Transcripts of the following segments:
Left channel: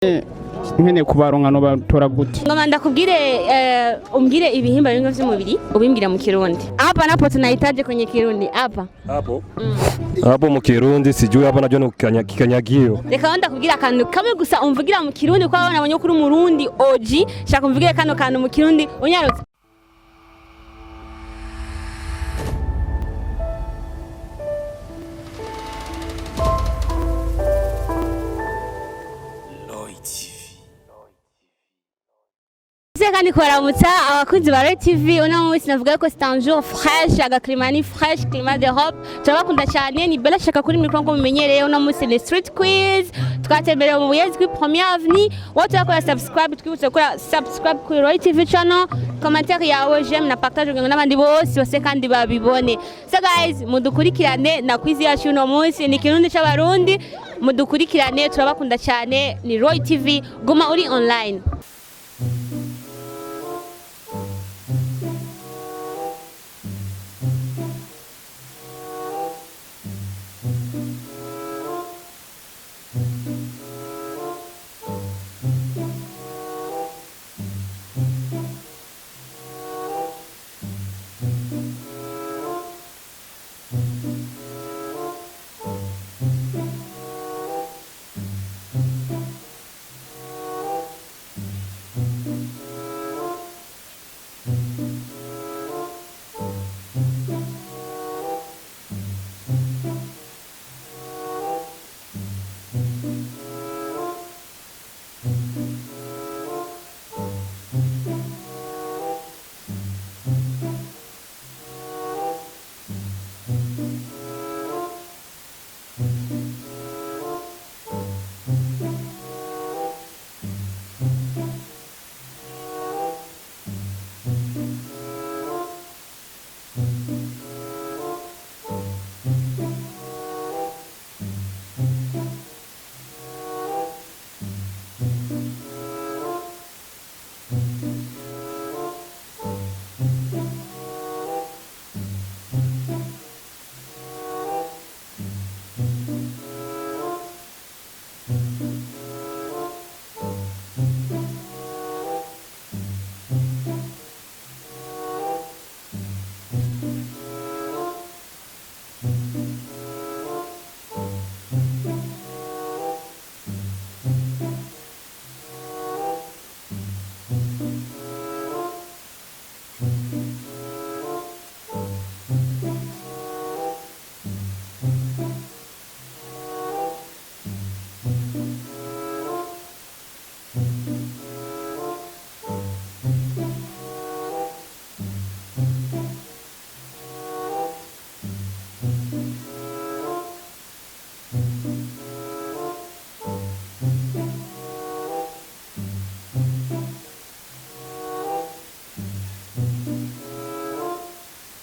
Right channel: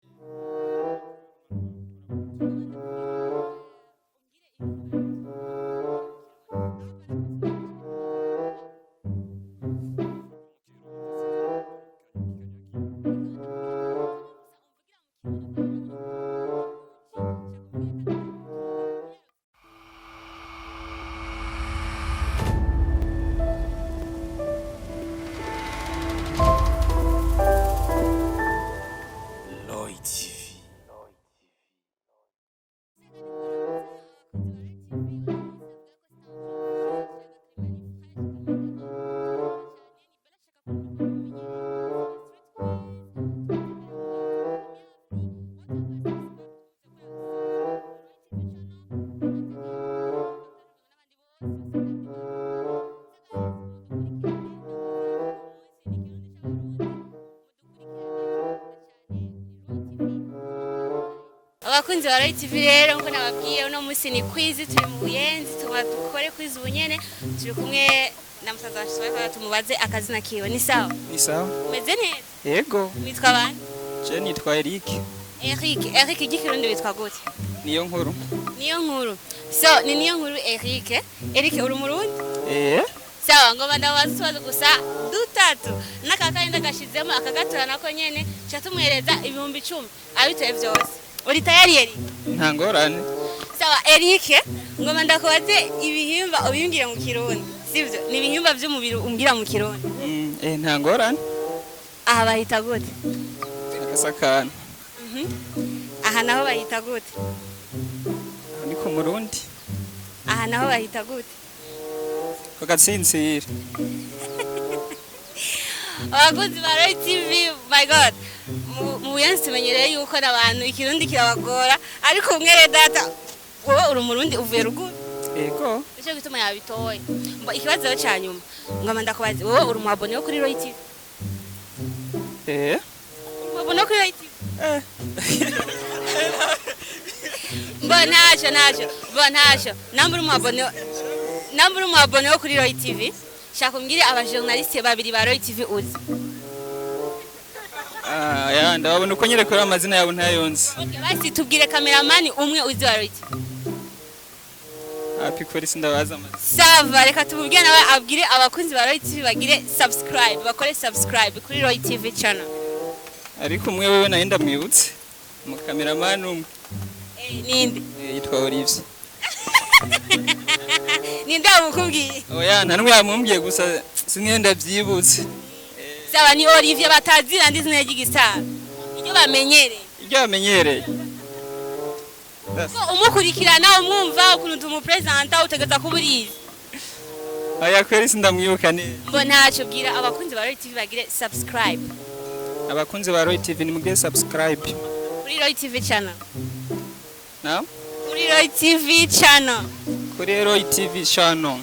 Nkene kubaronka no batora gute ngoma ndakubwire umbwire ibihimba bimwe vy'umubiri ubimbwira mu Kirundi. Hapa napo tunahitaji kwenye Kirundi hapa hapo mu Kirundi sijui hapa najua ni kikanyagio. Reka ndakubwira akantu kamwe gusa umvugira mu Kirundi kwa abana abonye kuri umurundi OG shaka umvugire kano kantu mu Kirundi unyarutse. Kandi kuramutsa abakunzi ba TV uno munsi navuga ko c'est un jour fraîche agaklimani fraîche climat d'Europe turabakunda cyane ni bela shaka kuri mikro ngo mumenyereye uno munsi ni street quiz twatembereye mu Mubuyenzi kuri première avenue wote bakora subscribe twibutse gukora subscribe kuri Roy TV channel commentaire yawe j'aime na partage ngo n'abandi bose kandi babibone so guys mudukurikirane na quiz yacu uno munsi ni Kirundi c'abarundi mudukurikirane turabakunda cyane ni Roy TV guma uri online abakunzi ba Roy TV rero ngo nababwiye uno munsi ni quiz turi mu Buyenzi tukore quiz ubunyene turi kumwe na musaza washaka tumubaze akazina kiwe ni sawa meze neza yego witwa bande je nitwa Eric Ikirundi witwa gute niyo nkuru so ni niyo nkuru Eric uri murundi sawa ngo bandabaza gusa dutatu nakakaenda gashizemo akagatora nako nyene cyatumwereza ibihumbi 10 abitoye byose uri tayari Eric nta ngorane sawa Eric ngo bandakubaze ibihimba ubimbwira mu Kirundi sivyo ni ibihimba vy'umubiri umbwira mu Kirundi nta ngorane aha bahita gute sakana aha naho bahita gute ni ku murundi aha naho bahita gute ugatsinzira abakozi ba Roy TV my god mu Buyenzi tumenyereye yuko abantu Ikirundi kirabagora ariko umwere data wowe uri umurundi uvuye ruguru yego icyo gituma yabitoye ngo ikibazo cyanyuma ngoma ndakubaza wowe uri umwabone wo kuri Roy TV wabone kuri Roy TV Bonasho nambura umwabone wo kuri Roy TV shaka umbwire abajournaliste babiri ba Roy TV uzi ndabona uko nyere kuri amazina yabo ntayonze basi tubwire cameraman umwe uzi wa Roy TV happy police ndabaza sava reka tububwire nawe abwire abakunzi ba Roy TV bagire bakore subscribe kuri Roy TV channel ariko umwe wewe naenda mwibutse mu cameraman umwe ninde yitwa Olivier ninde abukubwiye oya nta numwe yamumbye gusa sinkenda byibutse sawa ni Olivier batazira ndi zina ry'igisara ibyo bamenyereye umukurikirana umwumva ukuntu umupresenta utegeza kuburiza aya kweri sindamwibuka ni ngo ntacyo bwira abakunzi ba Roy TV bagire subscribe abakunzi ba Roy TV ni mugire subscribe kuri Roy TV channel na kuri Roy TV channel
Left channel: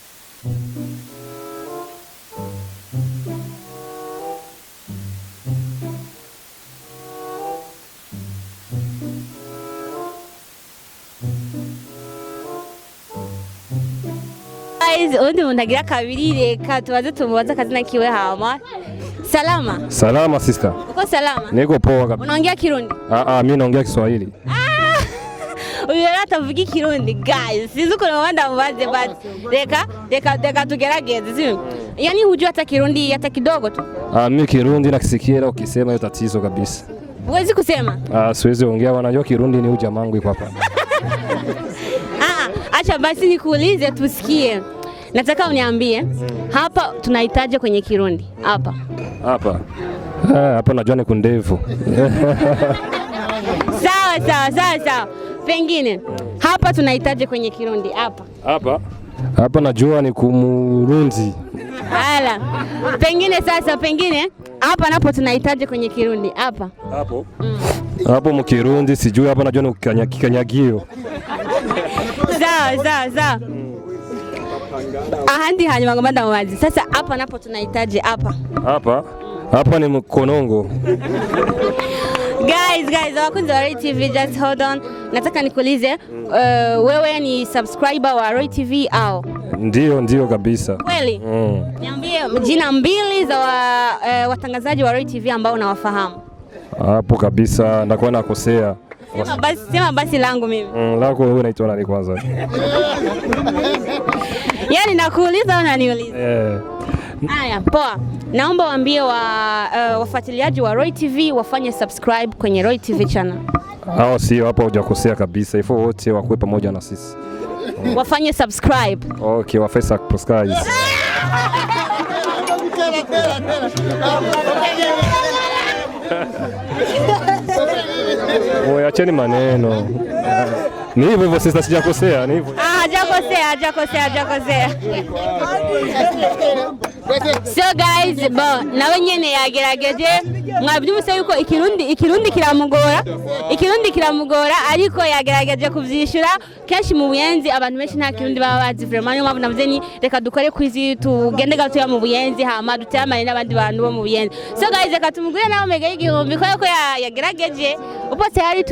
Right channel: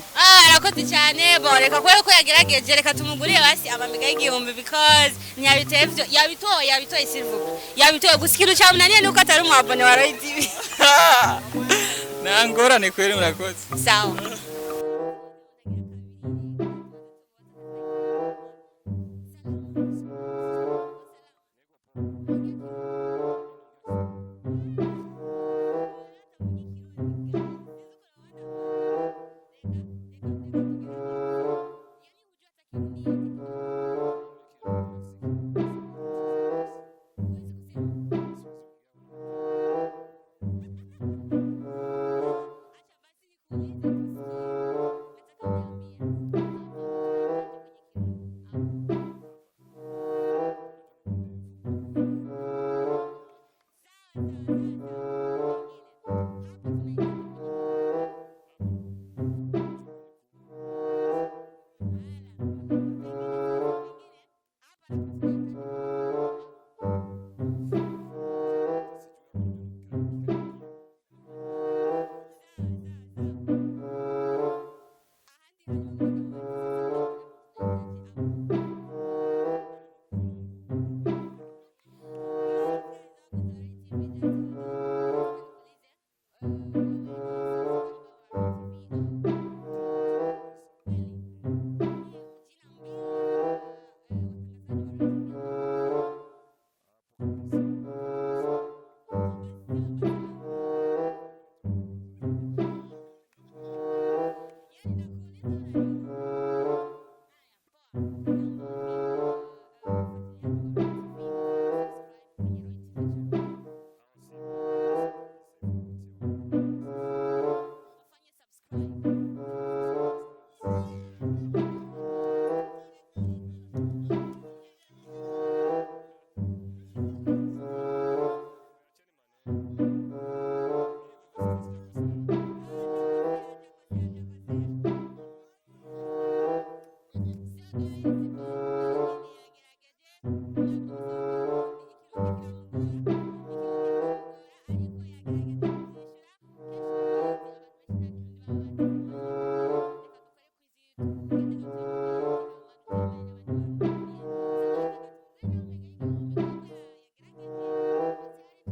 arakoze cyane boreka ko yagerageje reka tumugurire basi amamiga y'igihumbi because nyabitevyo yabitoye silver yabitoye gusikira cyamunaniye nuko atari umwabone wa Roy TV nangorane kweri murakoze sawa guys undi muntu agira kabiri reka tubaze tumubaza akazina kiwe hama salama sister uko salama niko poa kabisa unaongea Kirundi mimi naongea Kiswahili uyu atavuga Ikirundi guys sizi uko wanda mubaze basi reka tugerageze sio yani hujua hata Kirundi hata kidogo tu mimi Kirundi nakisikia ukisema hiyo tatizo kabisa huwezi kusema siwezi ongea wanajua Kirundi ni ujamaa wangu iko hapa acha basi nikuulize tusikie nataka uniambie hapa tunahitaji kwenye Kirundi hapa najua ni kundevu sawa pengine hapa tunahitaji kwenye Kirundi hapa najua ni kumurundi hala pengine hapa napo tunahitaji kwenye Kirundi hapo mu Kirundi sijui hapa najua ni kikanyagio sawa ahandi hanyuma ngoma ndamubazi sasa hapa napo tunahitaji hapa ni mkonongo guys abakunzi wa Roy TV just hold on nataka nikuulize wewe ni subscriber wa Roy TV au ndio kabisa kweli niambie jina mbili za watangazaji wa Roy TV ambao unawafahamu Hapo kabisa ndakuwa nakosea. Sema basi langu mimi. Lako wewe unaitwa nani kwanza? Yaani nakuuliza au unaniuliza? Haya, poa. Naomba waambie wafuatiliaji wa Roy TV wafanye subscribe kwenye Roy TV channel. Hao sio, hapo hujakosea kabisa. Ifo wote wakuwe pamoja na sisi. Wafanye subscribe. Okay, wafanye subscribe. Acheni maneno. Ni hivyo sasa, sijakosea, ni hivyo. Hajakosea. So guys, na wenyene yagerageje mwabyumvise yuko ikirundi kiramugora ariko yagerageje kuvyishura kenshi mu Buyenzi abantu benshi nta kirundi baba bazi vraiment niyo mpamvu navuze ni reka dukore kwizi tugende gatuya mu Buyenzi hama dutamane n'abandi bantu bo mu Buyenzi. So guys, reka tumugure nawe mega y'igihumbi ko yagerageje upo tayari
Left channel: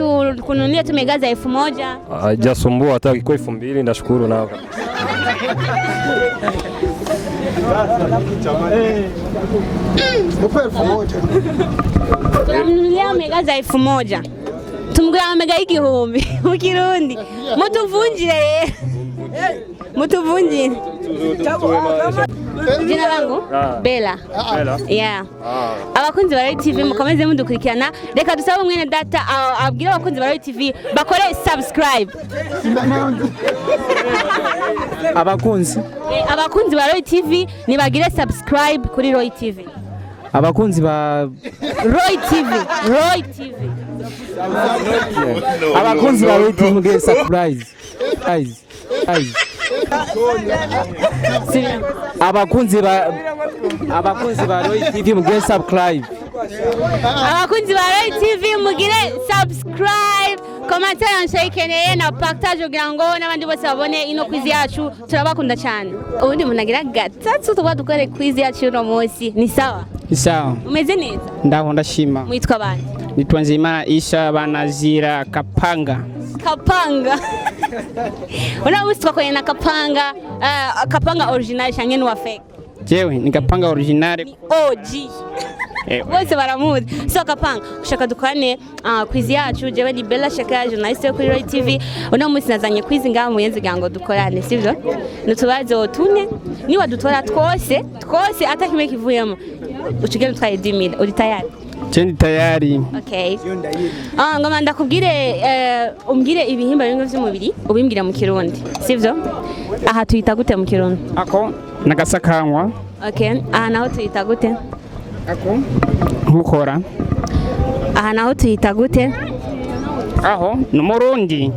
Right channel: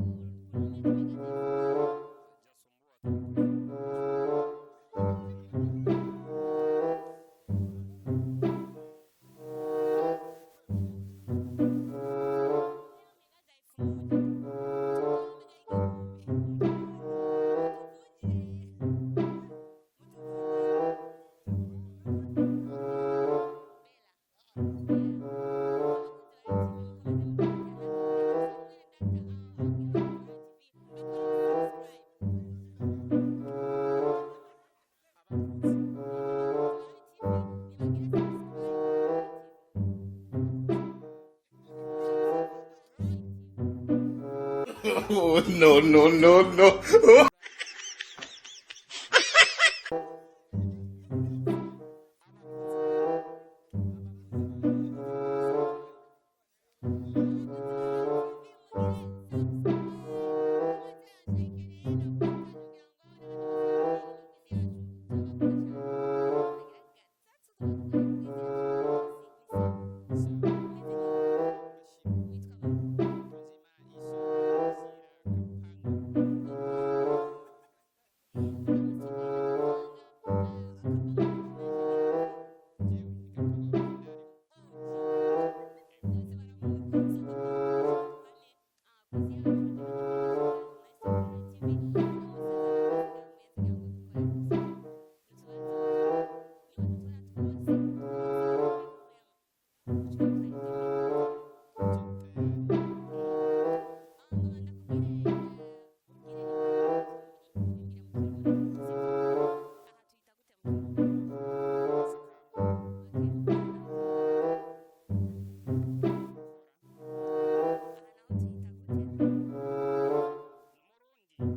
kununulia tumegaza 1000. Hajasumbua hata iko 2000, ndashukuru nao. Tunanunulia megaza 1000. Tumugura mega y'igihumbi mu Kirundi. Mutuvunjire. Jina langu Bella. Yeah. Abakunzi ba Roy TV mukomeze mudukurikirana. Reka dusabe mwene data abwira abakunzi ba Roy TV bakore subscribe. Abakunzi ba Roy TV nibagire subscribe kuri Roy TV. Abakunzi ba Roy TV. Abakunzi ba Roy TV surprise. Abakunzi ba Roy TV mugire subscribe. Abakunzi ba Roy TV mugire subscribe, commentaire nshayikeneye na partage kugira ngo n'abandi bose babone ino quiz yacu. Turabakunda cyane. Ubundi munagira gatatu tuba dukore quiz yacu no munsi. Ni sawa? Ni sawa. Umeze neza? Ndaho ndashima. Mwitwa bande? Nitwa Nzeyimana Isha banazira Kapanga. Unawitwa kwenye na Kapanga original cyangwa ni wa fake? Jewe ni Kapanga original. OG. Bose baramuzi. So Kapanga ushaka dukane quiz yacu jewe ni Bella Shaka journalist yo kuri Roy TV. Uno munsi nazanye quiz ngaho mu Buyenzi gango dukorane, sivyo? Nutubazo tune ni wadutora twose atakimwe kivuyemo. Uchigene twaye 10000. Uri tayari? Jendi tayari. Okay. Ngoma ndakubwire umbwire ibihimba bimwe vy'umubiri ubimbwira mu Kirundi, sivyo? Aha tuyita gute mu Kirundi? Ako nagasakanwa. Okay. Aha naho tuyita gute? Ako nkukora. Aha naho tuyita gute? Aho n'umurundi.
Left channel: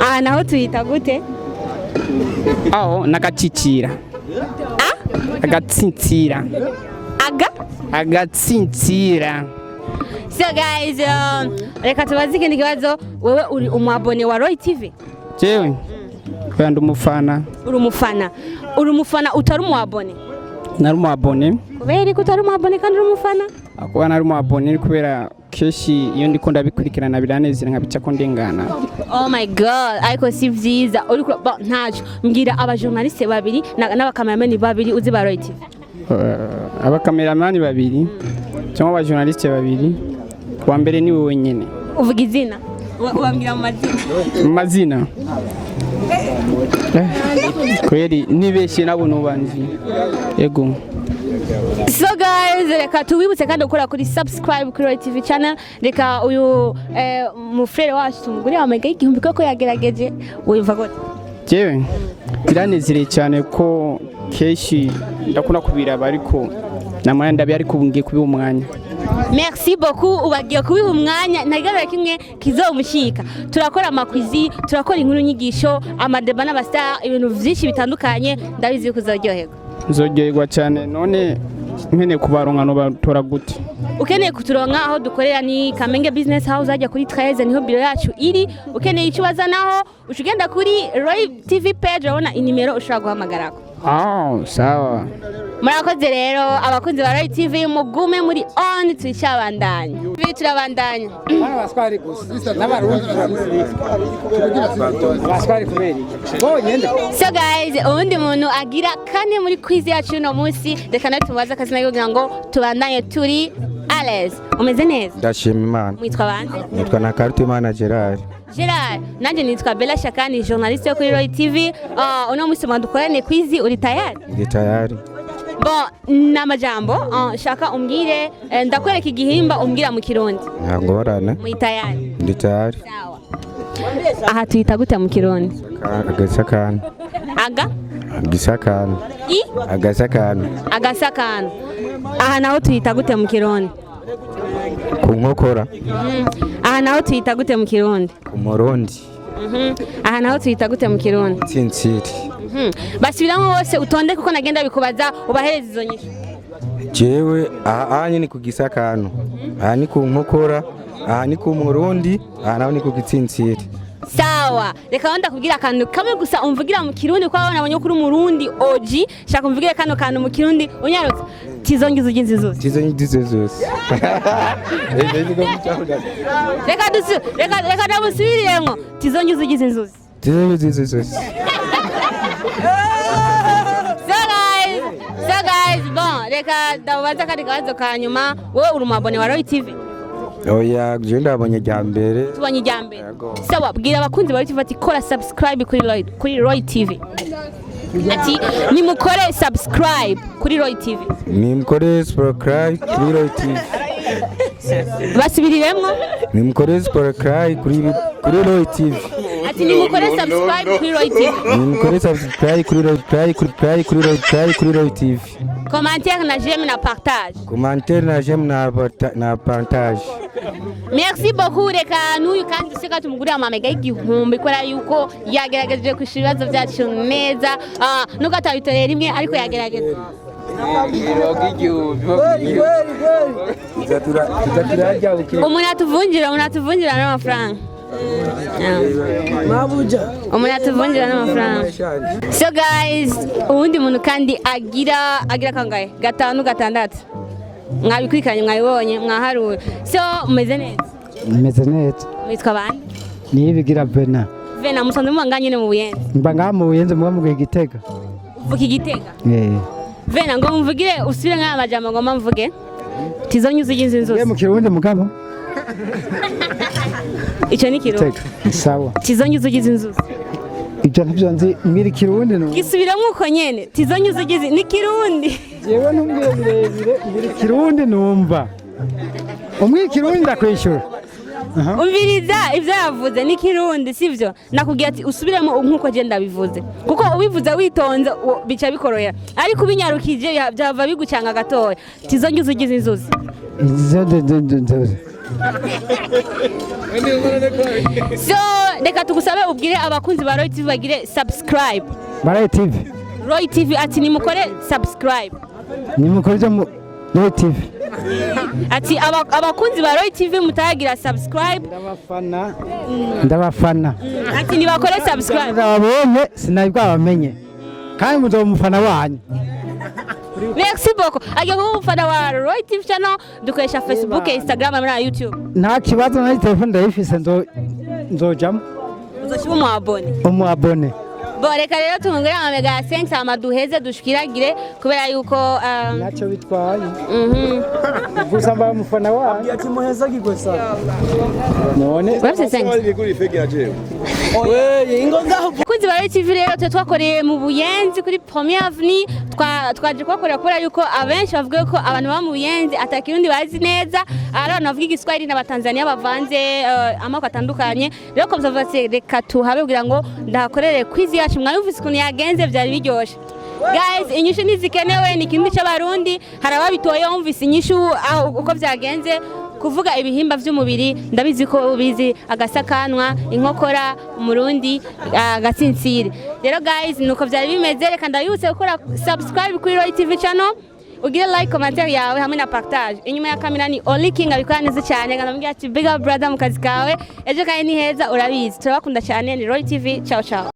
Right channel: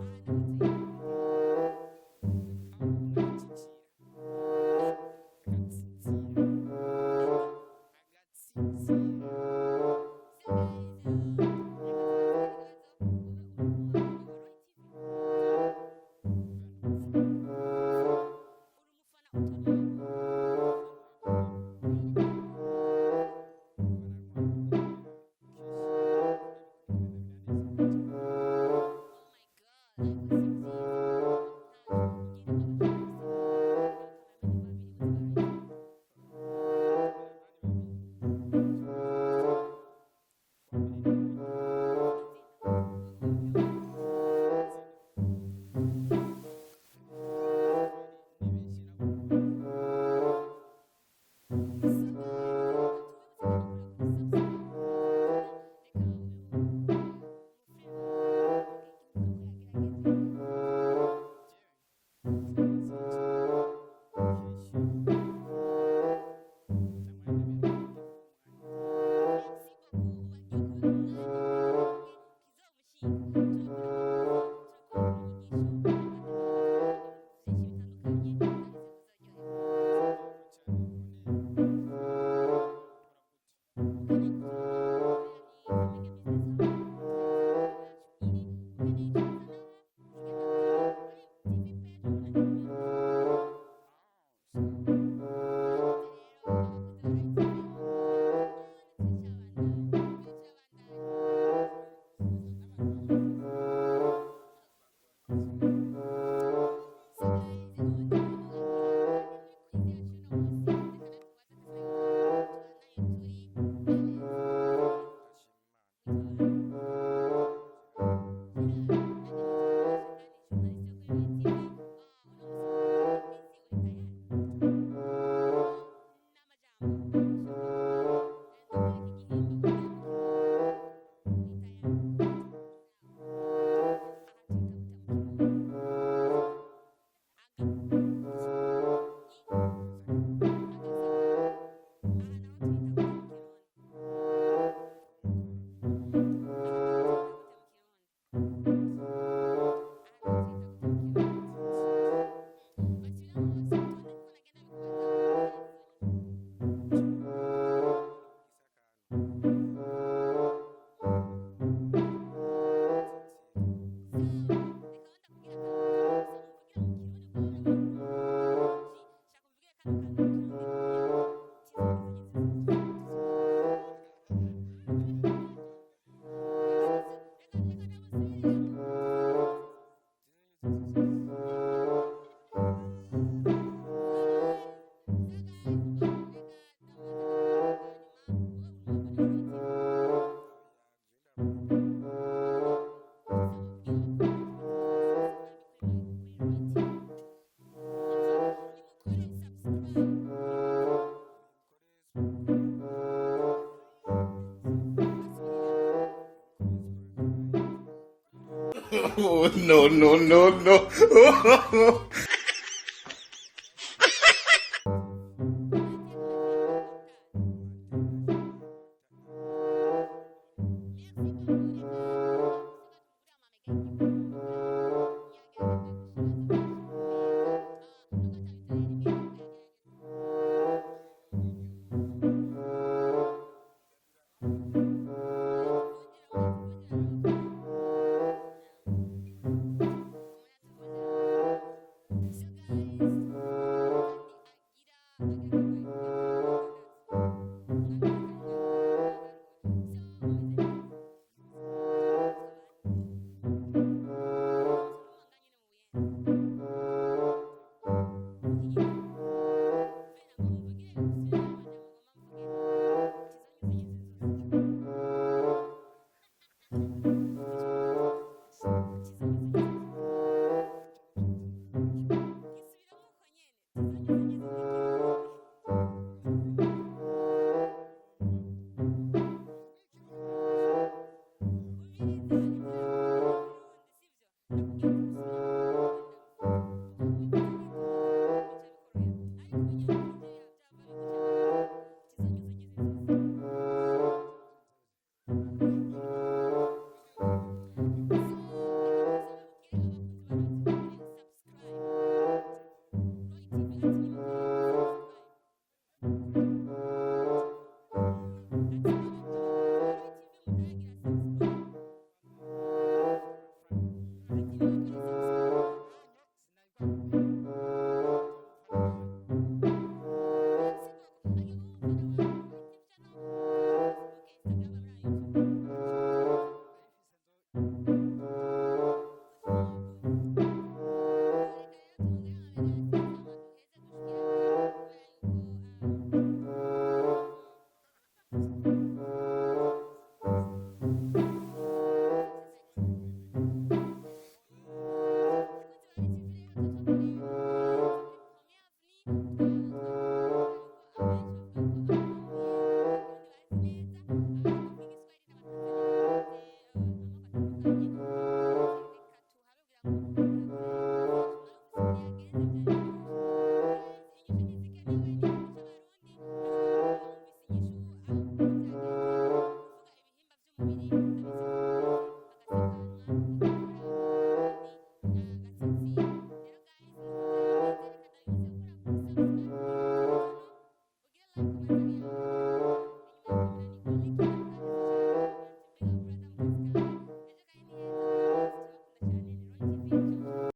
Aha naho tuyita gute? Aho nagacicira. Agatsitsira. Agatsitsira. So guys, reka tubaze ikindi kibazo. Wewe uri umwabone wa Roy TV? Jewe kandi umufana. Uri umufana utari umwabone? Nari umwabone. Kubera ko utari umwabone kandi uri umufana? Akuba nari umwabone kubera keshi iyo ndiko ndabikurikirana biranezera nkabica ko ndengana. Oh my god, ariko si vyiza. Uri ntaco. Mbwira abajournaliste babiri n'abakameramani babiri uzi ba Roy TV. Abakameramani babiri cyangwa abajournaliste babiri. Wa mbere ni wowe nyene. Uvuga izina? Wambwira mu mazina. Kweli nibeshe nabo nubanzi. Yego. So guys, reka tubibutse kandi ukora kuri subscribe kuri Roy TV channel. Reka uyu mu frere wacu tumugure amega y'igihumbi ko yagerageje. Wumva gute? Jewe biranezereye cyane ko keshi ndakuna kubiraba ariko namwe ndabi ariko ngiye kubiha umwanya. Merci beaucoup, ubagiye kubiha umwanya ntagarara kimwe kizomushika. Turakora amakwizi, turakora inkuru nyigisho, amadeba n'abastar, ibintu vyinshi bitandukanye, ndabizi kuzaryoherwa. Nzoryoherwa cyane. None mpene kubaronka no batora gute? Ukeneye kuturonka aho dukorera ni Kamenge Business House ajya kuri 13 niho biro yacu iri. Ukeneye ikibaza naho ushugenda kuri Roy TV page urabona inimero ushobora guhamagarako. Sawa. Murakoze rero abakunzi ba Roy TV mugume muri on twicabandanya. Turabandanya. Abaswari gusa. N'abarundi abaswari kuberi. So guys, ubundi muntu agira kane muri quiz yacu no munsi reka nawe tumubaza akazina kugira ngo tubandanye turi Ales, umeze neza? Ndashima Imana. Mwitwa bande? Nitwa Nakarutimana Gerard. Gerard, nanje nitwa Bella Shakani, journaliste yo kuri Roy TV. Uno musi dukorane kwizi, uri tayari? Ndi tayari. Bon, namajambo, shaka umbwire, ndakwereka igihimba umbwira mu Kirundi. Ngorane. Muri tayari? Ndi tayari. Sawa. Aha tuyita gute mu Kirundi? Agasakano. Aga? Agasakano. I? Agasakano. Agasakano. Aha naho tuyita gute mu Kirundi? Ku nkokora. Aha naho tuyita gute mu Kirundi? Ku murundi. Aha naho tuyita gute mu Kirundi? Tsinsiri. Basubiramo bose utonde kuko nagenda bikubaza ubahereza izo nyishu. Jewe aha ni ku gisakano. Aha ni ku nkokora. Aha ni ku murundi. Aha naho ni ku tsinsiri. Sawa, reka wanda kubwira akantu kamwe gusa umvugira mu Kirundi kwa abana kuri umurundi OG, shaka umvugire kano kantu mu Kirundi unyarutse. Tizongiza uginzi zose. Tizongiza zose. Reka ndamusubiriyemo. Tizongiza uginzi zose. Tizongiza zose. So guys, bon, reka ndabaza kandi kazo kanyuma, wowe uri umabone wa Roy TV. Oya, je ndabonye jambere. Tubonye jambere. Sawa, bwira abakunzi ba TV ati kora subscribe kuri Roy TV. Ati nimukore subscribe kuri Roy TV. Nimukore subscribe kuri Roy TV. Basubiriremo. Nimukore subscribe kuri Roy TV. Ati nimukore subscribe kuri Roy TV. Nimukore subscribe kuri Roy TV. Commentaire na j'aime na partage. Commentaire na j'aime na partage. Merci beaucoup reka n'uyu kandi seka tumugurira amamega y'igihumbi kubera yuko yagerageje kwishura ibibazo byacu neza nuko atabitorera rimwe ariko yagerageza. Umuntu atuvunjira n'amafaranga. Umuntu atuvunjira n'amafaranga. So guys, ubundi muntu kandi agira kangahe? 5 6. Mwabikurikiranye mwabibonye mwaharura. So umeze neza? Umeze neza. Witwa bande? Nibigira Bena. Bena musanze mubanganye ne mu Buyenzi. Mba mu Buyenzi mu Gitega. Uvuga Igitega? Bena ngo mvugire usubire nk'aya majambo ngo mvuge. Tizonyuza uginze inzozi. Mu Kirundi mugabo. Ico ni Kirundi. Sawa. Tizonyuza ugize inzozi. Ibyo ntabyo nzi mwiri Kirundi no. Gisubiramo uko nyene. Tizonyuza ugize ni Kirundi. Jewe ntumbwire birebire mwiri Kirundi numva. Umwiri Kirundi ndakwishura. Umviriza ivyo yavuze ni Kirundi sivyo nakubwiye ati usubiremo nkuko je ndabivuze kuko ubivuze witonze bica bikoroya ariko ubinyarukije byava bigucanga gatoya tizongiza ugize inzuzi so reka tugusabe ubwire abakunzi ba Roy TV bagire subscribe Roy TV Roy TV ati nimukore subscribe nimukore Roy TV ati abakunzi ba Roy TV mutagira subscribe ndabafana ati nibakore subscribe ndababonye sinabwo abamenye kandi muzomufana wanyu. Merci beaucoup. Agiye kuba umufana wa Roy TV channel dukoresha Facebook, Instagram na YouTube. Nta kibazo na telefone ndayifise nzojamo. Uzoshiba umu abone. Reka rero tumungure amamega ya 5 amaduheze dushikiragire kubera yuko nacyo bitwaye. Gusa mba umufana wanyu. Ati muheza gikosa. None. Bafite 5. Kunzi ba Roy TV rero twakoreye mu Buyenzi kuri Première Avenue twaje kwakorera kubera yuko abenshi bavuga ko abantu ba mu Buyenzi atakirundi bazi neza abantu bavuga igiswahili n'abatanzania bavanze amako atandukanye rero ko byavuze reka tuhabe kugira ngo ndahakorere quiz yacu mwayumvise ukuntu yagenze byari biryoshe. Guys, inyishu nizikenewe ni kimwe cy'abarundi harababitoye umvise inyishu uko byagenze kuvuga ibihimba vy'umubiri ndabizi ko ubizi agasakanwa inkokora umurundi agatsinsire. Rero guys nuko byari bimeze reka ndabibutse gukora subscribe kuri Roy TV channel ugire like commentaire yawe hamwe na partage. Inyuma ya kamera ni Only King abikora neza cyane ngambye ati big up brother mu kazi kawe ejo kandi ni heza urabizi turabakunda cyane ni Roy TV ciao ciao.